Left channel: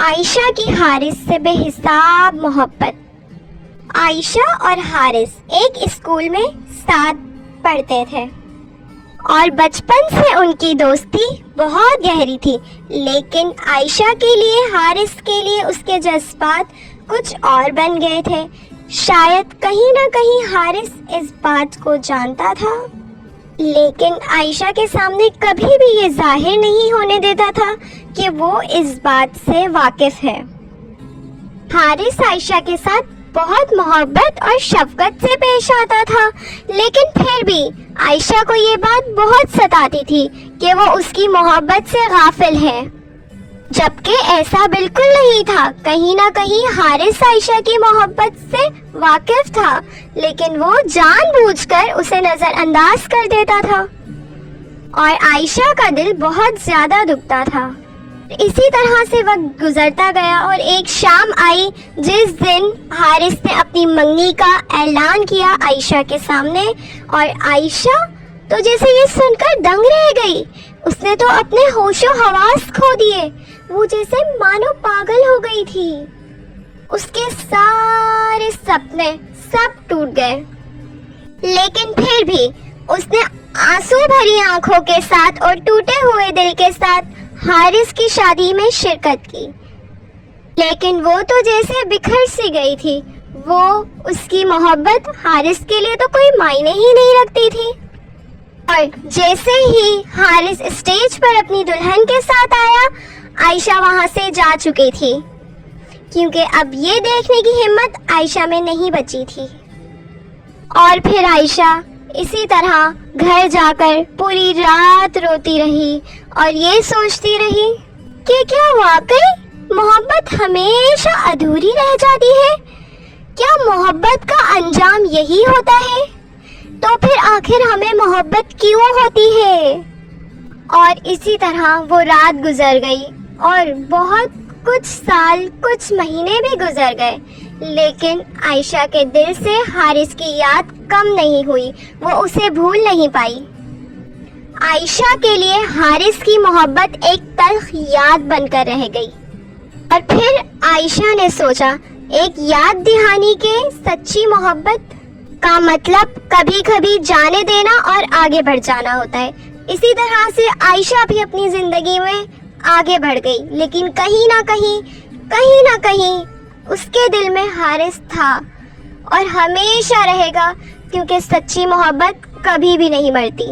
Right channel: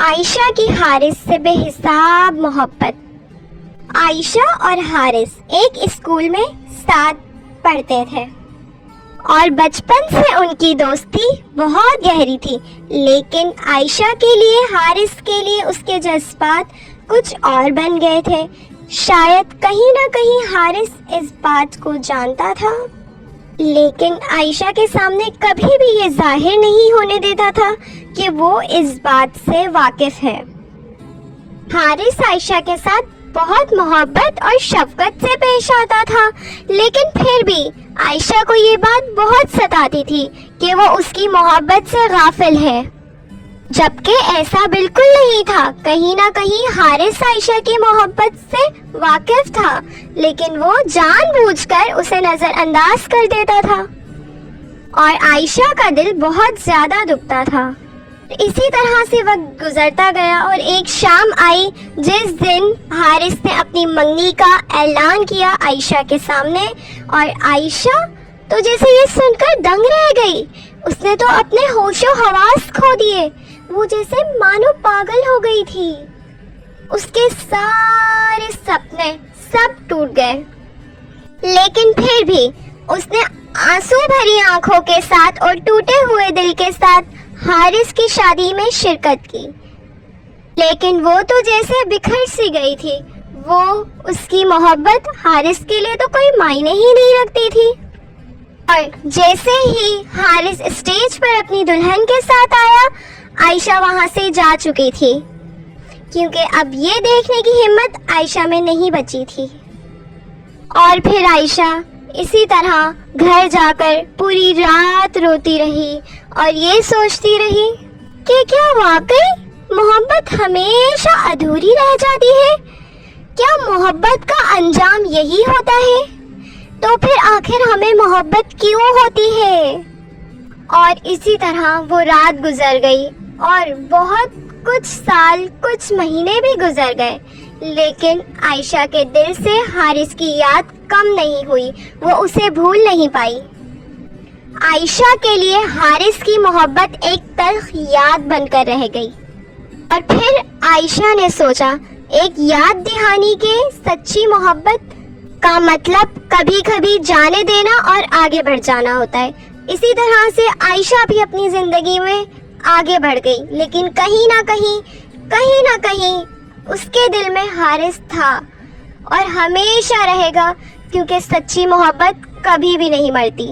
عائشہ کی حارث سے بے حساب محبت۔ عائشہ اور حارث ایک اسکول میں ساتھ پڑھتے تھے اور بچپن سے ان کی دوستی بہت گہری تھی، لیکن عائشہ کے لیے حارث کے لیے اس کے جذبات کچھ اور بن گئے تھے۔ شاید کہیں نہ کہیں حارث اس بات کو جانتا تھا، لیکن عائشہ کے سامنے کبھی بھی یہ ظاہر نہیں ہونے دیتا تھا کہ وہ اس بات سے واقف ہے۔ حارث عائشہ کے ساتھ بہت محبت اور شفقت سے پیش آتا تھا، لیکن پھر بھی عائشہ کو یہ بات بہت ستاتی تھی کہ وہ اس کی محبت سے غافل ہے، جبکہ ایسا بالکل نہیں تھا۔ کہیں نہ کہیں حارث عائشہ کی محبت سے واقف تھا، لیکن وہ جان بوجھ کر اسے نظر انداز کر دیتا تھا اور عائشہ کا دل بہت زیادہ دکھتا تھا۔ اسی طرح سے وقت گزرتا گیا اور ایک شام آئی جس دن حارث نے اپنی منگنی کا اعلان کیا عائشہ کے سامنے، اور عائشہ تو جیسے یہ سن کر دنگ رہ گئی۔ اس نے تو اپنے ہوش و حواس کھو دیے، وہ جیسے مانو پاگل ہو گئی تھی۔ اس کے سارے سپنے سب ٹوٹ گئے، لیکن پھر بھی اس نے آنسو بھری آنکھوں کے ساتھ اور ٹوٹے ہوئے دل کے ساتھ حارث کی شادی میں شرکت کی۔ لیکن وہ تو جیسے بکھر سی گئی تھی، وہ اس کی محبت حارث کے لیے تو کوئی معنی ہی نہیں رکھتی تھی۔ اور جیسے ہی حارث اسٹیج پر اپنی دلہن کے ساتھ آیا، عائشہ وہاں سے جا چکی تھی، کیونکہ اب یہ دیکھنے کی ہمت عائشہ میں نہیں بچی تھی۔ اور پھر عائشہ اسی طرح گھر جا کر پوری رات روتی رہی اور یہ سوچتی رہی کہ کیا واقعی محبت ہمیشہ ادھوری رہ جاتی ہے؟ کیا محبت کا انجام یہی ہوتا ہے؟ تو پھر آخر ہمیں محبت کیوں ہوتی ہے؟ اور اسی طرح وہ رات گزر گئی اور بہت کچھ سال، کچھ مہینے بھی گزر گئے، لیکن عائشہ کے دل سے حارث کی یاد کم نہیں ہوئی، وہ اسے بھول نہیں پائی۔ عائشہ کے لیے حارث کی محبت ایک تلخ یاد بن کر رہ گئی۔ اور پھر عائشہ نے سوچا، ایک یاد دہانی کے سچی محبت کا مطلب کبھی کبھی جانے دینا اور آگے بڑھ جانا ہوتا ہے۔ اسی طرح سے عائشہ بھی اپنی زندگی میں آگے بڑھ گئی، لیکن کہیں نہ کہیں اس کے دل میں حارث تھا اور ہمیشہ رہے گا، کیونکہ سچی محبت کبھی بھی نہیں مرتی۔